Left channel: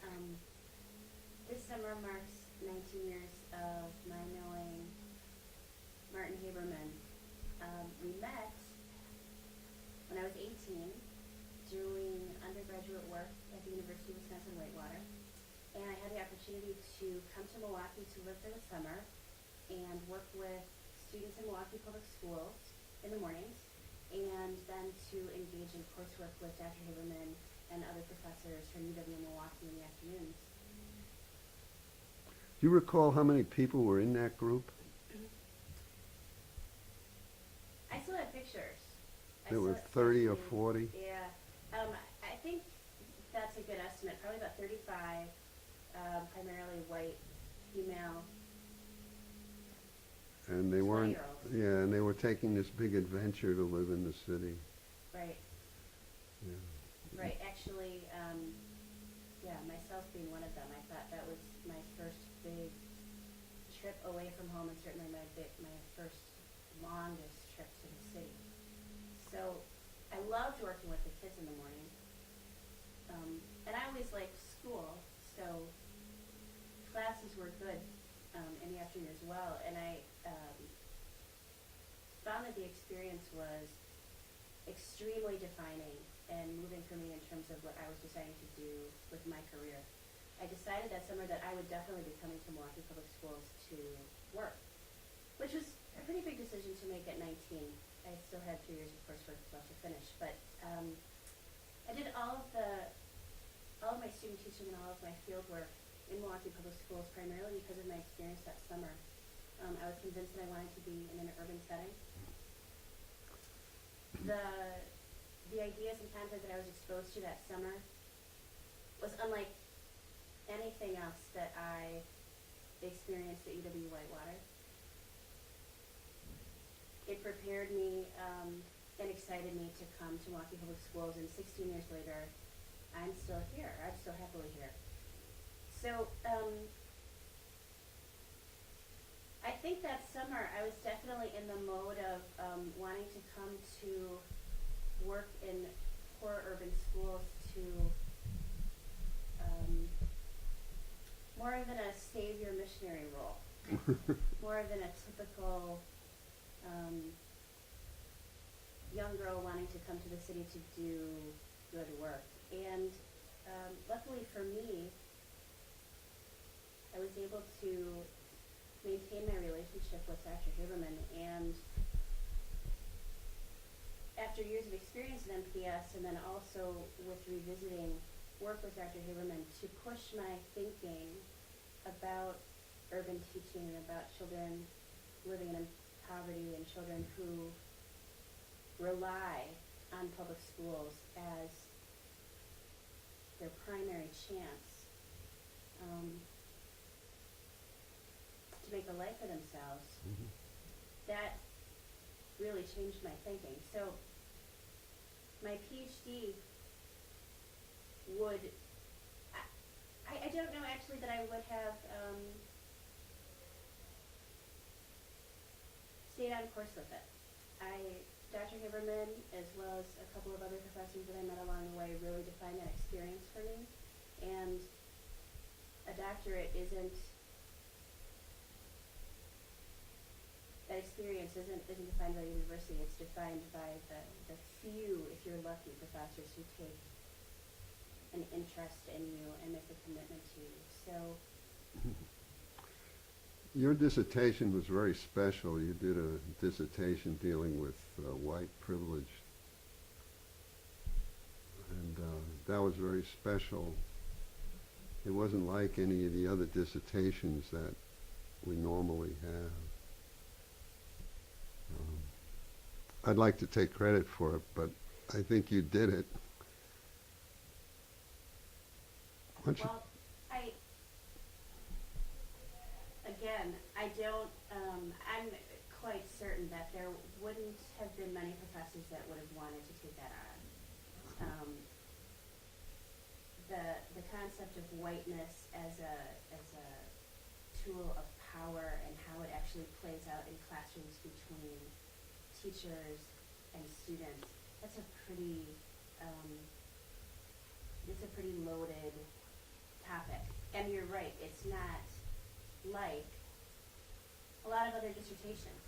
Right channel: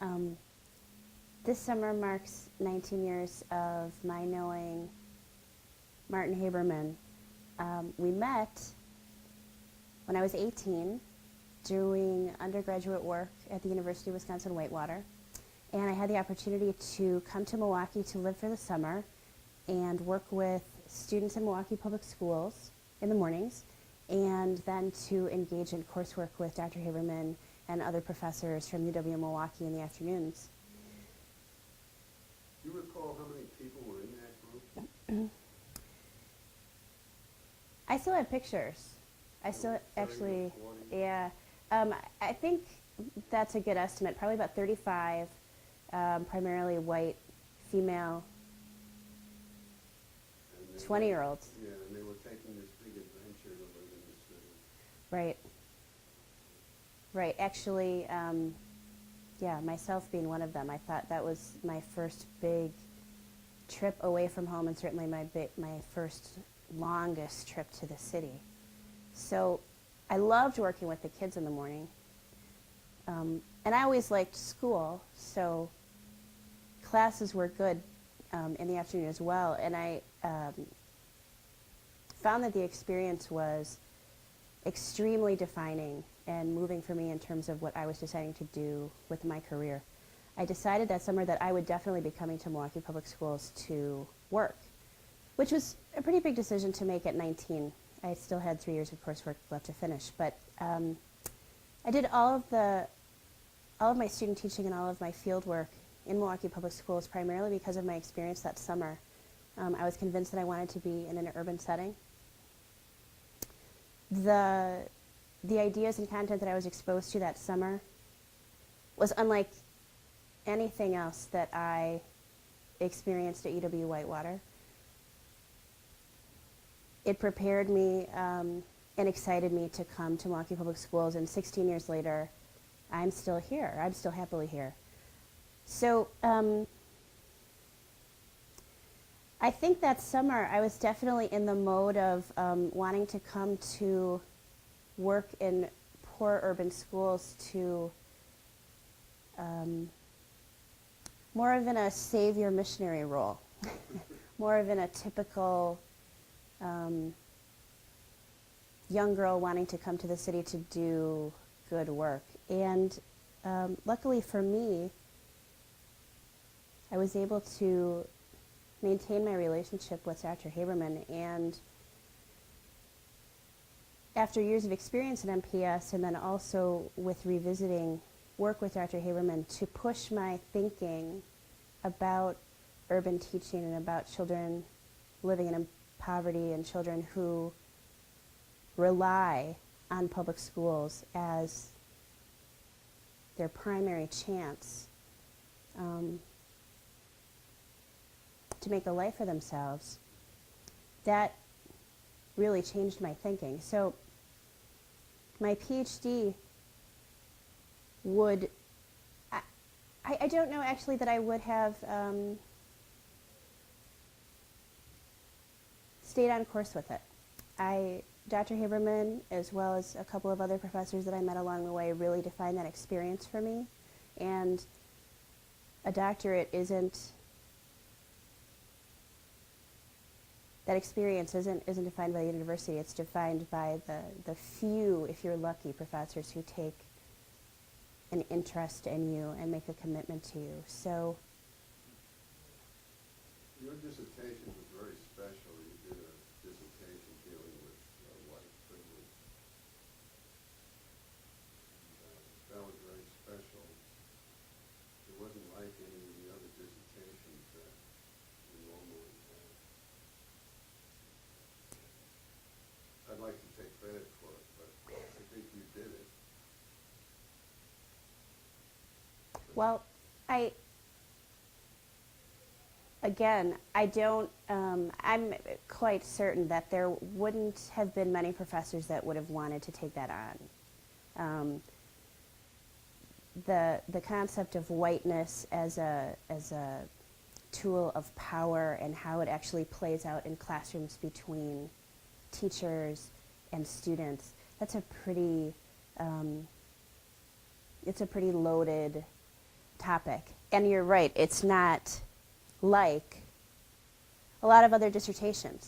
Um, this summer marks 19 years of my knowing Martin Haberman. We met when I was 18 doing undergraduate work at the University of Wisconsin-Whitewater. And I had the opportunity to come to Milwaukee to live for the summer and work with students in Milwaukee Public Schools in the mornings, and then to engage in coursework with Dr. Haberman and other professors from UW-Milwaukee in the afternoons. Do you recall how many people were in that group? I still have pictures. There were 30 or 40? Yeah. I think that's a good estimate. Probably about 35, primarily white, female, And they 20-year-olds. Yeah, and they were taking this big adventure to live in the city. Right. Yeah. Right. Actually, yeah, myself being one of them. I thought that was my first big trip away from home, and certainly my first longest trip to the city. So I loved working with the kids in the morning. And I always liked school, so classes were good in the afternoon as well. And I found that the experience was extremely defining and moving for me in terms of what I was deciding to do with my career. I decided that summer that I would definitely be coming to Milwaukee Public Schools to work, which was a pretty big decision to make at 19. I still had 3 years of coursework left to finish, but I did all of my student teaching and all of my field work in Milwaukee Public Schools primarily because of my experience that summer. I was convinced that I wanted to be in an urban setting. The ideas and content that I was exposed to that summer was unlike anything else that I experienced at UW-Whitewater. It prepared me and excited me to come to Milwaukee Public Schools, and 16 years later, I'm still here. I'm still happily here. So I think that summer I was definitely in the mode of wanting to come to work in poor urban schools to more of in a savior missionary role, more of in a typical young girl wanting to come to the city to do good work. And luckily for me, I was able to maintain my relationship with Dr. Haberman, and after years of experience in MPS and then also with revisiting work with Dr. Haberman to push my thinking about urban teaching and about children living in poverty and children who rely on public schools as their primary chance to make a life for themselves, that really changed my thinking. So my PhD would, I don't know actually that I would have stayed on course with it. Dr. Haberman, as well as a couple of other professors that I met along the way, really defined that experience for me. And a doctorate isn't, that experience isn't defined by the university. It's defined by the few, if you're lucky, professors who take an interest in you and make a commitment to you. So Your dissertation was very special. You did a dissertation dealing with white privilege. And that was very special. It wasn't like any of the other dissertations that we normally have. I'd like to take credit for it, but I think you did it. well, I'm quite certain that there wouldn't have been many professors that would have wanted to take that on. The concept of whiteness as a tool of power and how it actually plays out in classrooms between teachers and students, it's a pretty loaded topic. And you're right, it's not like a lot of other dissertations.